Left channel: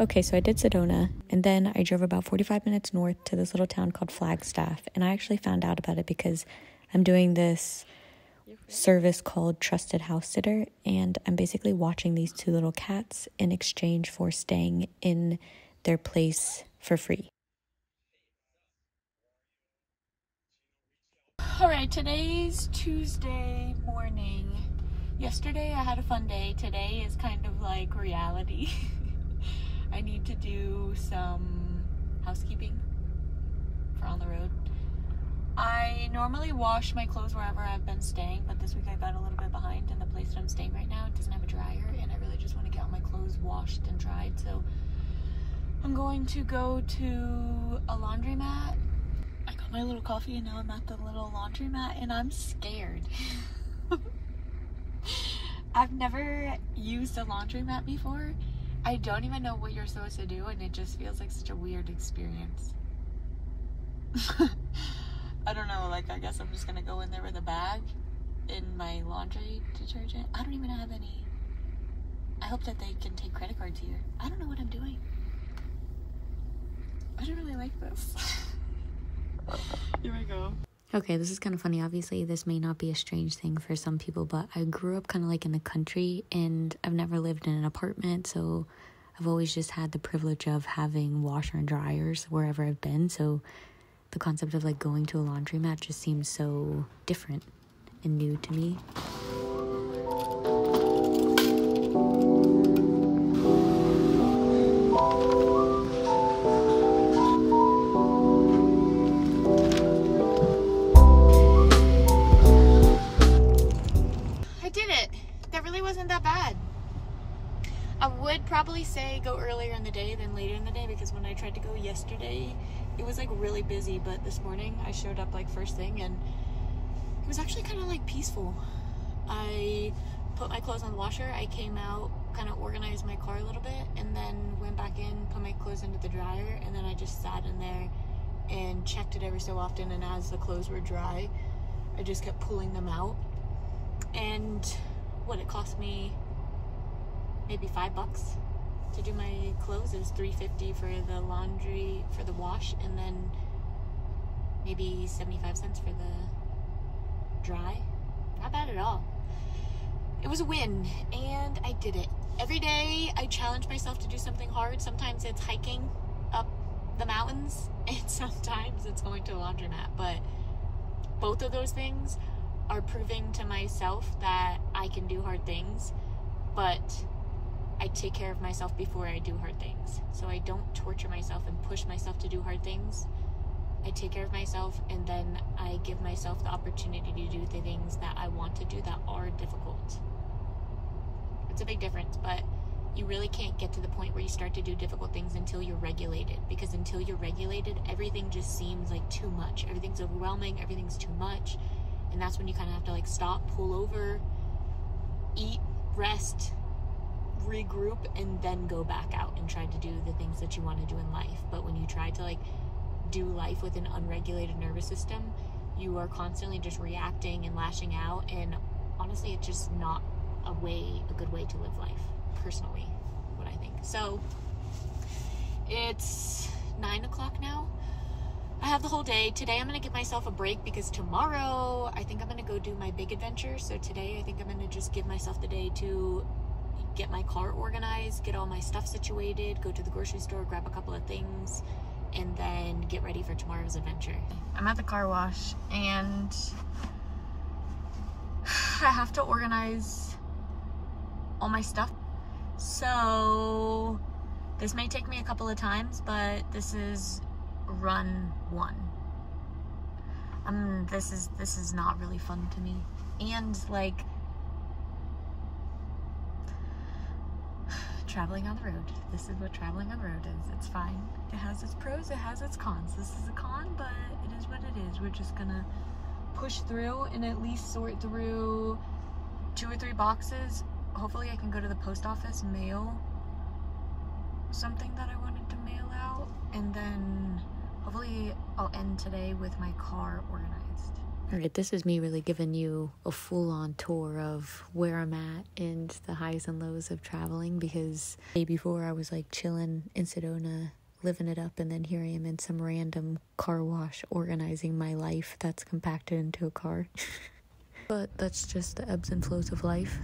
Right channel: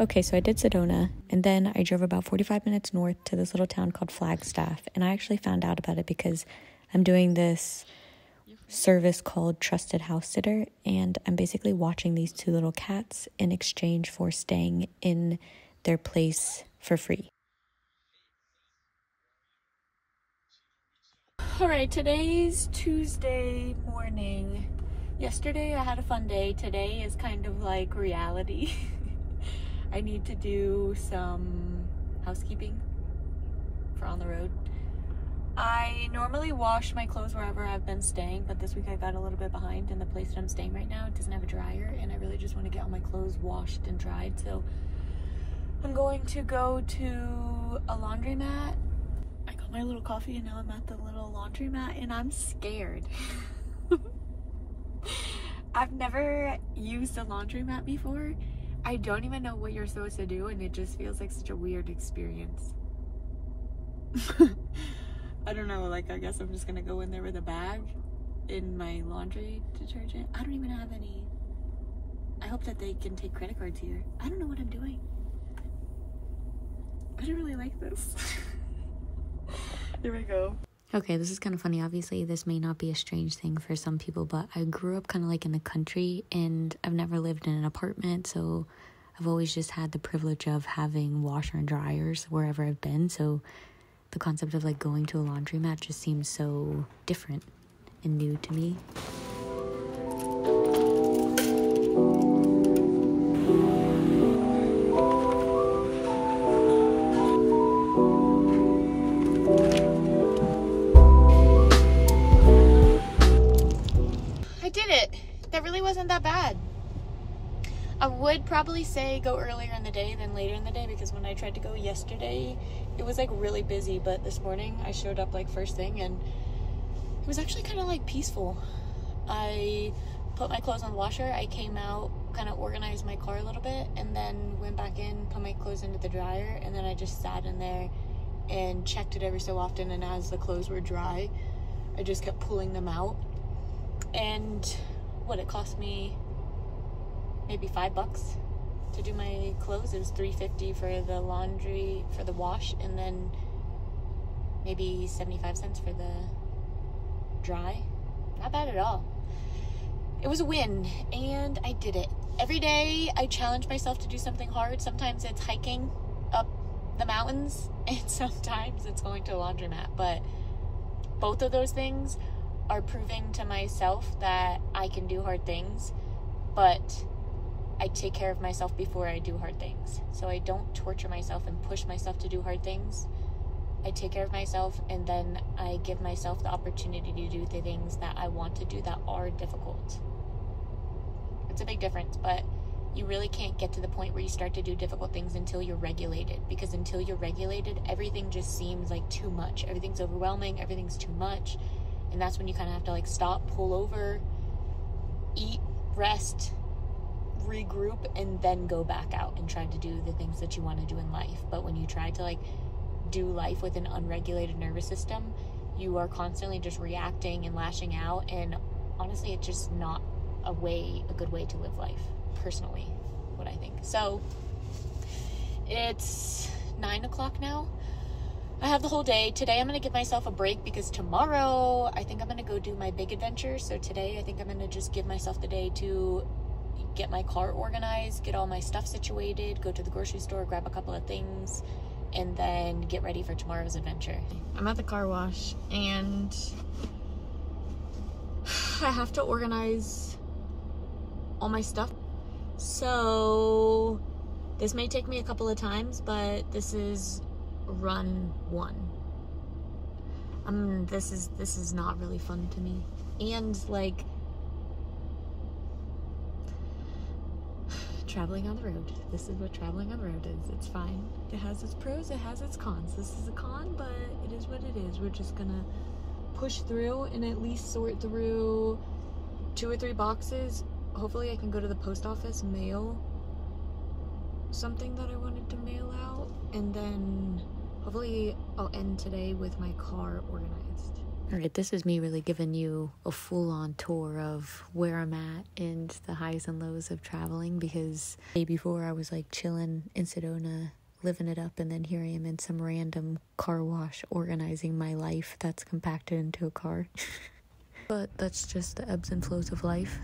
Okay, so I did Sedona, and then I drove about 45 minutes north to this little town called Flagstaff, and I actually found out about it because I'm doing this service called TrustedHousesitters, and I'm basically watching these two little cats in exchange for staying in their place for free. Alright, today's Tuesday morning. Yesterday I had a fun day. Today is kind of like reality. I need to do some housekeeping for on the road. I normally wash my clothes wherever I've been staying, but this week I got a little bit behind, and the place that I'm staying right now doesn't have a dryer, and I really just want to get all my clothes washed and dried, so I'm going to go to a laundromat. I got my little coffee and now I'm at the little laundromat and I'm scared. I've never used a laundromat before. I don't even know what you're supposed to do, and it just feels like such a weird experience. I don't know, like, I guess I'm just gonna go in there with a bag in my laundry detergent. I don't even have any. I hope that they can take credit cards here. I don't know what I'm doing. I don't really like this. Here we go. Okay, this is kind of funny. Obviously, this may not be a strange thing for some people, but I grew up kind of like in the country, and I've never lived in an apartment, so I've always just had the privilege of having washer and dryers wherever I've been, so the concept of like going to a laundromat just seems so different and new to me. I did it. That really wasn't that bad. I would probably say go earlier in the day than later in the day, because when I tried to go yesterday, it was like really busy, but this morning I showed up like first thing and it was actually kind of like peaceful. I put my clothes on the washer, I came out, kind of organized my car a little bit, and then went back in, put my clothes into the dryer, and then I just sat in there and checked it every so often, and as the clothes were dry, I just kept pulling them out. And what, it cost me maybe $5 to do my clothes. It was $3.50 for the laundry, for the wash, and then maybe 75 cents for the dry. Not bad at all. It was a win, and I did it. Every day I challenge myself to do something hard. Sometimes it's hiking up the mountains, and sometimes it's going to a laundromat, but both of those things are proving to myself that I can do hard things, but I take care of myself before I do hard things. So I don't torture myself and push myself to do hard things. I take care of myself, and then I give myself the opportunity to do the things that I want to do that are difficult. It's a big difference, but you really can't get to the point where you start to do difficult things until you're regulated, because until you're regulated, everything just seems like too much. Everything's overwhelming, everything's too much, and that's when you kind of have to like stop, pull over, eat, rest, regroup, and then go back out and try to do the things that you want to do in life. But when you try to like do life with an unregulated nervous system, you are constantly just reacting and lashing out, and honestly it's just not a good way to live life, personally, what I think. So it's 9 o'clock now. I have the whole day. Today I'm gonna give myself a break because tomorrow I think I'm gonna go do my big adventure. So today I think I'm gonna just give myself the day to get my car organized, get all my stuff situated, go to the grocery store, grab a couple of things, and then get ready for tomorrow's adventure. I'm at the car wash and I have to organize all my stuff. So this may take me a couple of times, but this is run one. This is not really fun to me. And like, traveling on the road. This is what traveling on the road is. It's fine. It has its pros, it has its cons. This is a con, but it is what it is. We're just gonna push through and at least sort through 2 or 3 boxes. Hopefully I can go to the post office, mail something that I wanted to mail out, and then hopefully I'll end today with my car organized. Alright, this is me really giving you a full-on tour of where I'm at and the highs and lows of traveling, because the day before I was like chilling in Sedona, living it up, and then here I am in some random car wash organizing my life that's compacted into a car. But that's just the ebbs and flows of life.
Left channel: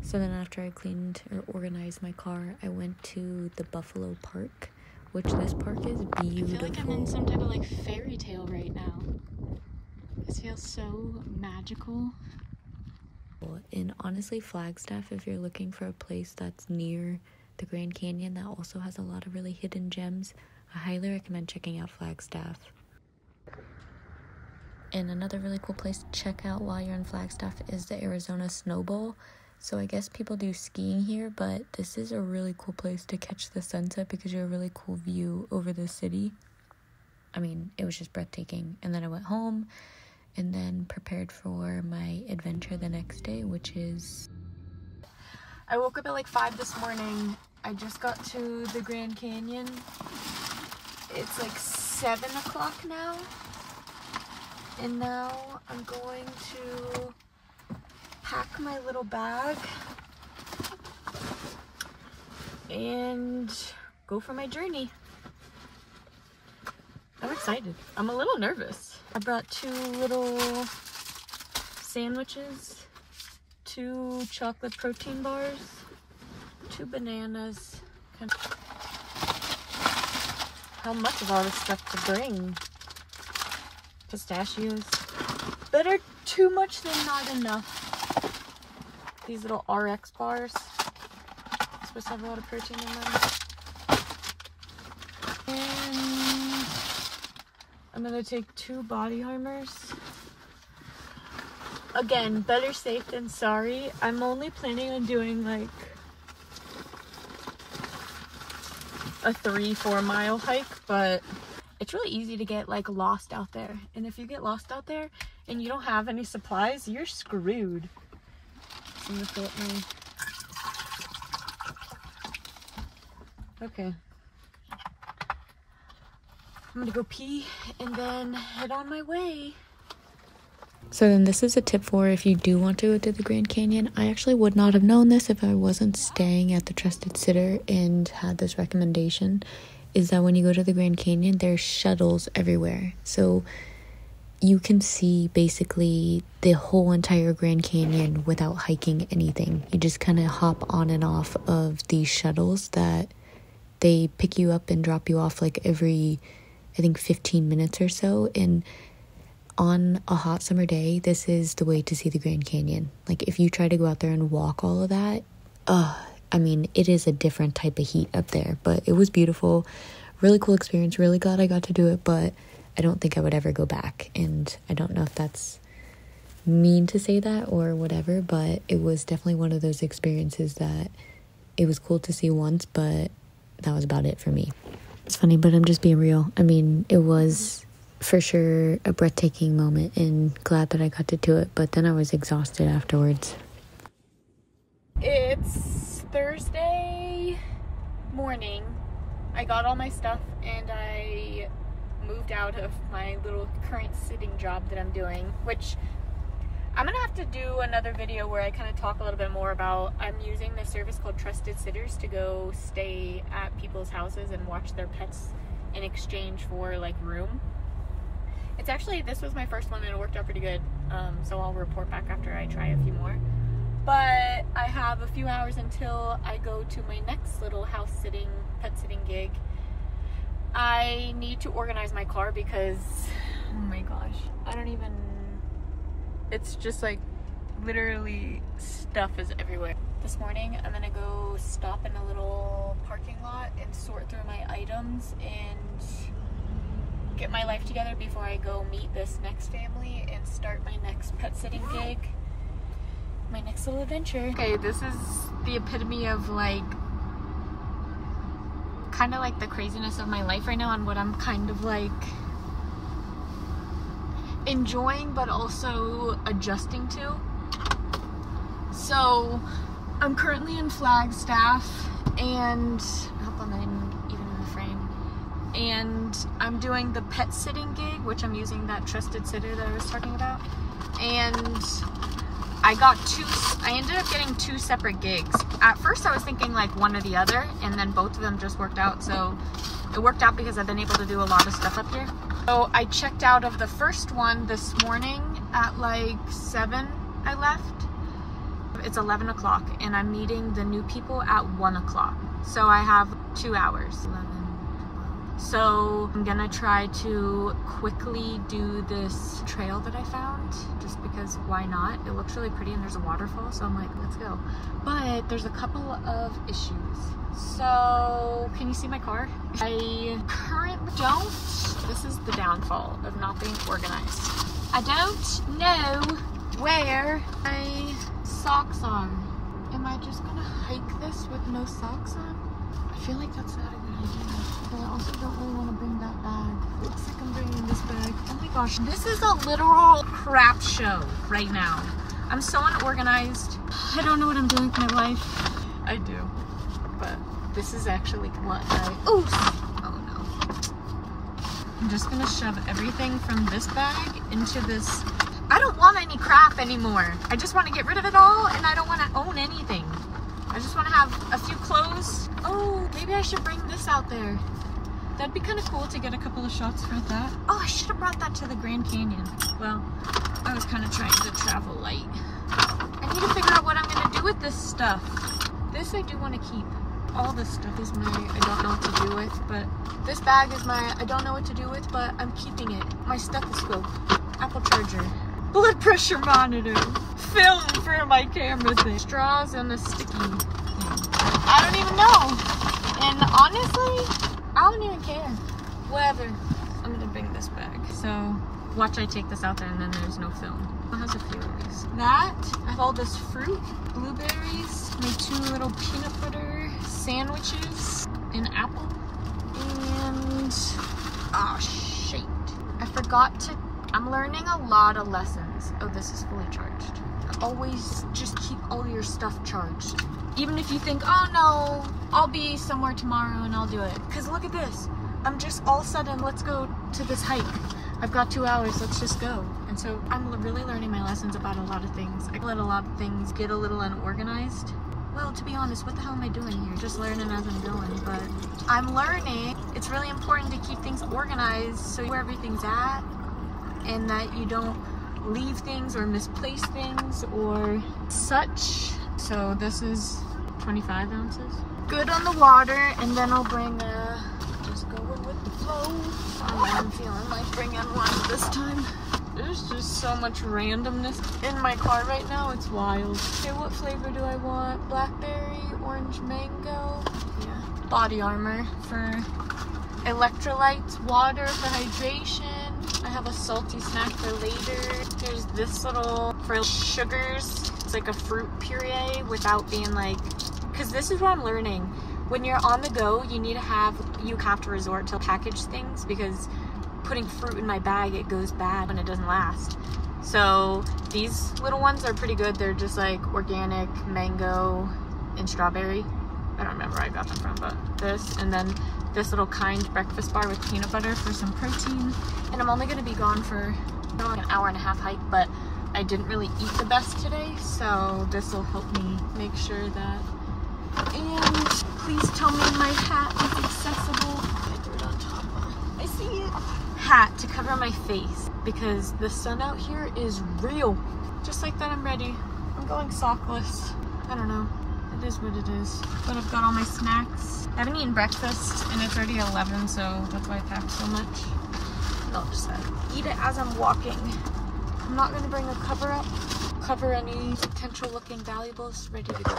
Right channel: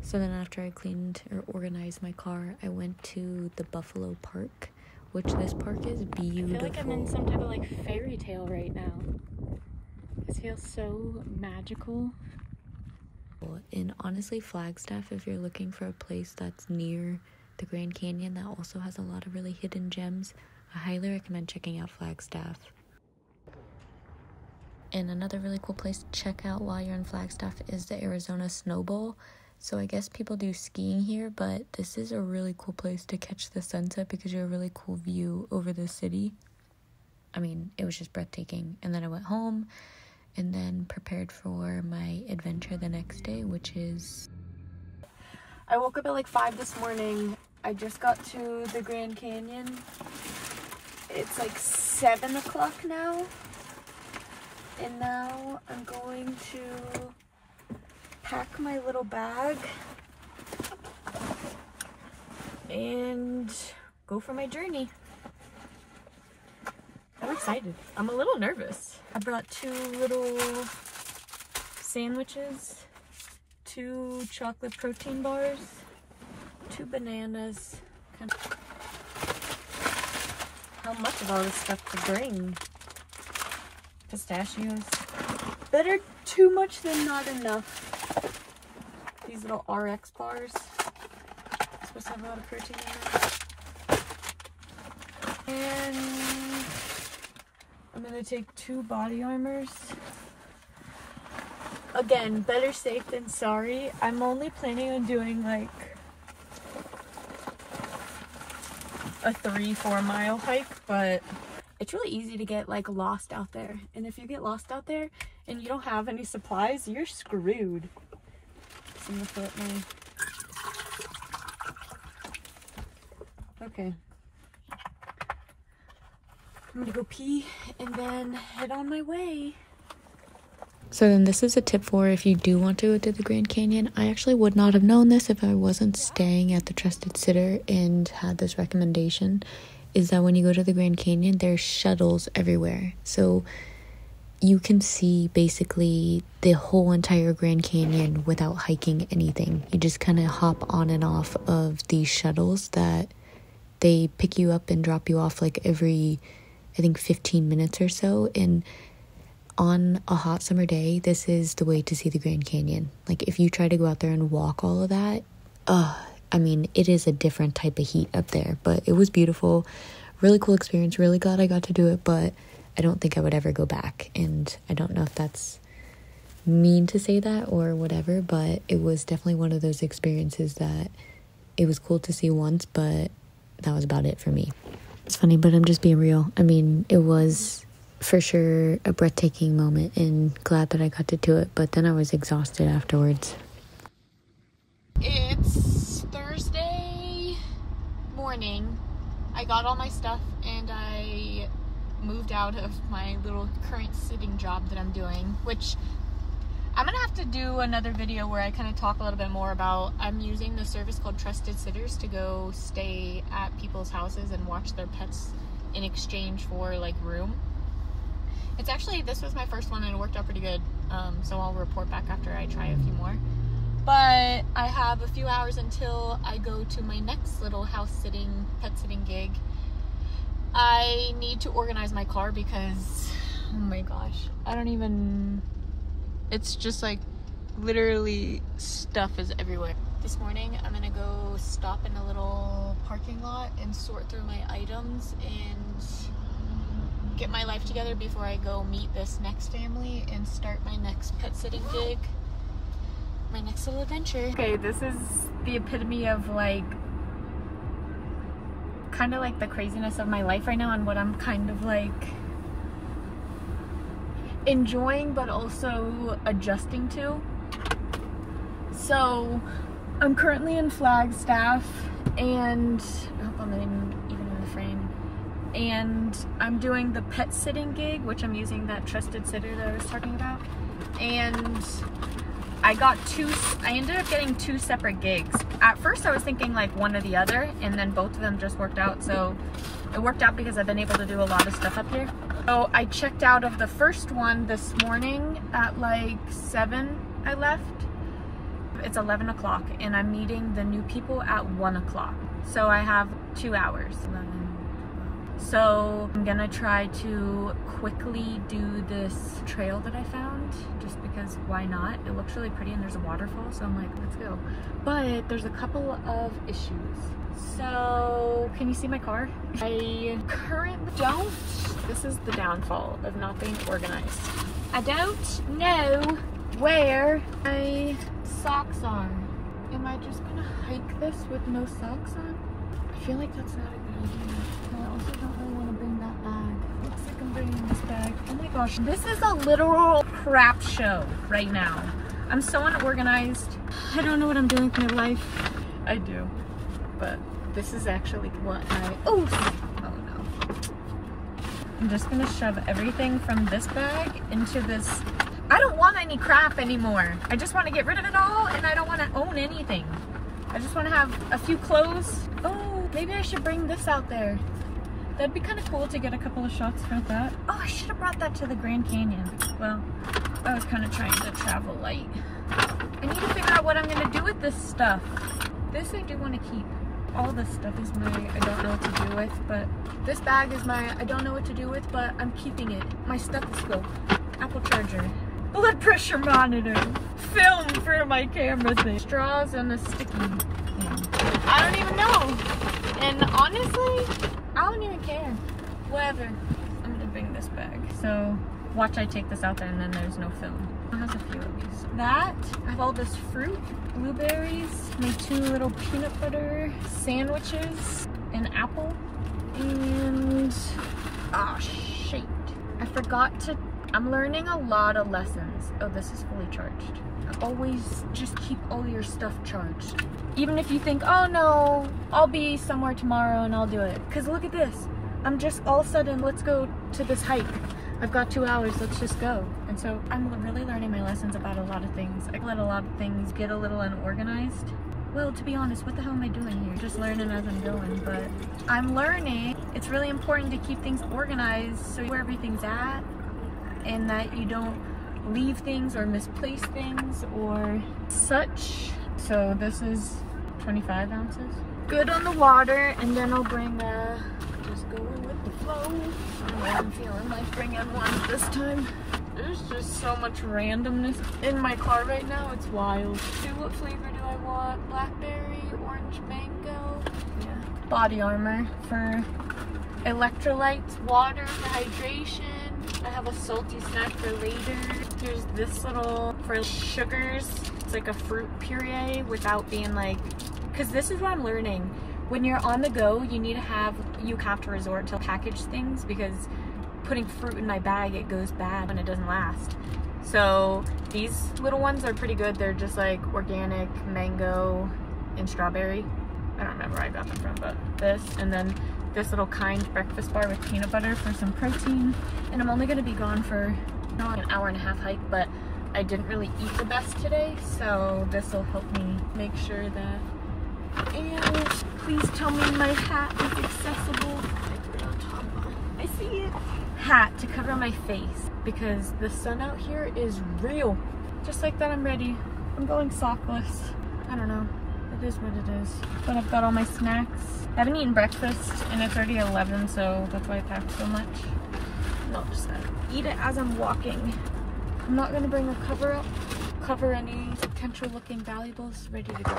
So then after I cleaned or organized my car, I went to the Buffalo Park, which this park is beautiful. I feel like I'm in some type of like fairy tale right now. This feels so magical. And honestly, Flagstaff, if you're looking for a place that's near the Grand Canyon that also has a lot of really hidden gems, I highly recommend checking out Flagstaff. And another really cool place to check out while you're in Flagstaff is the Arizona Snowbowl. So I guess people do skiing here, but this is a really cool place to catch the sunset because you have a really cool view over the city. I mean, it was just breathtaking. And then I went home and then prepared for my adventure the next day, which is... I woke up at like 5 this morning. I just got to the Grand Canyon. It's like 7 o'clock now. And now I'm going to pack my little bag and go for my journey. I'm excited. I'm a little nervous. I brought 2 little sandwiches, 2 chocolate protein bars, 2 bananas. How much of all this stuff to bring? Pistachios. Better too much than not enough. These little RX bars. Supposed to have a lot of protein in them. And I'm gonna take 2 body armors. Again, better safe than sorry. I'm only planning on doing like a 3-4 mile hike, but it's really easy to get like lost out there. And if you get lost out there and you don't have any supplies, you're screwed. So I'm gonna fill up my... Okay. I'm gonna go pee and then head on my way. So then this is a tip for if you do want to go to the Grand Canyon. I actually would not have known this if I wasn't staying at the Trusted Sitter and had this recommendation, is that when you go to the Grand Canyon, there's shuttles everywhere. So you can see basically the whole entire Grand Canyon without hiking anything. You just kind of hop on and off of these shuttles that they pick you up and drop you off like every, I think, 15 minutes or so. And on a hot summer day, this is the way to see the Grand Canyon. Like if you try to go out there and walk all of that, I mean, it is a different type of heat up there, but it was beautiful. Really cool experience. Really glad I got to do it, but I don't think I would ever go back. And I don't know if that's mean to say that or whatever, but it was definitely one of those experiences that it was cool to see once, but that was about it for me. It's funny, but I'm just being real. I mean, it was for sure a breathtaking moment and glad that I got to do it, but then I was exhausted afterwards. It's Thursday morning. I got all my stuff and I moved out of my little current sitting job that I'm doing, which I'm gonna have to do another video where I kind of talk a little bit more about. I'm using the service called TrustedHousesitters to go stay at people's houses and watch their pets in exchange for like room. It's actually, this was my first one and it worked out pretty good, so I'll report back after I try a few more. But I have a few hours until I go to my next little house sitting, pet sitting gig. I need to organize my car because, oh my gosh, I don't even, it's just like literally stuff is everywhere. This morning I'm gonna go stop in a little parking lot and sort through my items and get my life together before I go meet this next family and start my next pet sitting gig, my next little adventure. Okay, this is the epitome of like kind of like the craziness of my life right now and what I'm kind of like enjoying but also adjusting to. So I'm currently in Flagstaff and I hope I'm even in the frame. and I'm doing the pet sitting gig, which I'm using that Trusted Sitter that I was talking about. And I ended up getting 2 separate gigs. At first I was thinking like one or the other, and then both of them just worked out. So it worked out because I've been able to do a lot of stuff up here. So I checked out of the first one this morning at like 7 I left. It's 11 o'clock and I'm meeting the new people at 1 o'clock. So I have 2 hours. So I'm gonna try to quickly do this trail that I found, just because why not? It looks really pretty and there's a waterfall, so I'm like, let's go. But there's a couple of issues. So, can you see my car? I currently don't, this is the downfall of not being organized. I don't know where my socks are. Am I just gonna hike this with no socks on? I feel like that's not a good idea. But I also don't really want to bring that bag. Looks like I'm bringing this bag. Oh my gosh, this is a literal crap show right now. I'm so unorganized. I don't know what I'm doing with my life. I do, but this is actually what oh no. I'm just gonna shove everything from this bag into this. I don't want any crap anymore. I just want to get rid of it all, and I don't want to own anything. I just want to have a few clothes. Oh, maybe I should bring this out there. That'd be kind of cool to get a couple of shots for that. Oh, I should have brought that to the Grand Canyon. Well, I was kind of trying to travel light. I need to figure out what I'm going to do with this stuff. This I do want to keep. All this stuff is my I don't know what to do with, but this bag is my I don't know what to do with, but I'm keeping it. My stethoscope, Apple charger, blood pressure monitor, film for my camera thing, straws, and a sticky thing. I don't even know. And honestly, I don't even care. Whatever. I'm gonna bring this bag. So watch I take this out there and then there's no film. There's a few of these. That, I have all this fruit, blueberries, my 2 little peanut butter sandwiches, an apple, and oh shit. I forgot to I'm learning a lot of lessons. Oh, this is fully charged. Always just keep all your stuff charged. Even if you think, oh no, I'll be somewhere tomorrow and I'll do it. Because look at this. I'm just all of a sudden, let's go to this hike. I've got 2 hours, let's just go. And so I'm really learning my lessons about a lot of things. I let a lot of things get a little unorganized. Well, to be honest, what the hell am I doing here? Just learning as I'm going, but I'm learning. It's really important to keep things organized so where everything's at, and that you don't leave things or misplace things or such. So this is 25 ounces. Good on the water, and then I'll bring just going with the flow. I don't know, I'm feeling like bringing one this time. There's just so much randomness in my car right now, it's wild. Okay, what flavor do I want? Blackberry, orange mango, yeah. Body armor for electrolytes, water for hydration. I have a salty snack for later. There's this little for sugars. It's like a fruit puree without being like, because this is what I'm learning. When you're on the go, you have to resort to packaged things, because putting fruit in my bag, it goes bad and it doesn't last. So these little ones are pretty good. They're just like organic mango and strawberry. I don't remember where I got them from, but this, and then this little Kind breakfast bar with peanut butter for some protein. And I'm only going to be gone for an hour and a half hike, but I didn't really eat the best today, so this will help me make sure that. And please tell me my hat is accessible. I threw it on top. I see it. Hat to cover my face, because the sun out here is real. Just like that, I'm ready. I'm going sockless. I don't know. It is what it is. But I've got all my snacks. I haven't eaten breakfast, and it's already 11, so that's why I packed so much. And I'll just eat it as I'm walking. I'm not going to bring a cover up. Cover any potential looking valuables. Ready to go.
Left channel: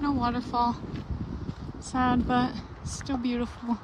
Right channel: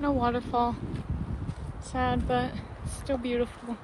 No waterfall. Sad, but still beautiful.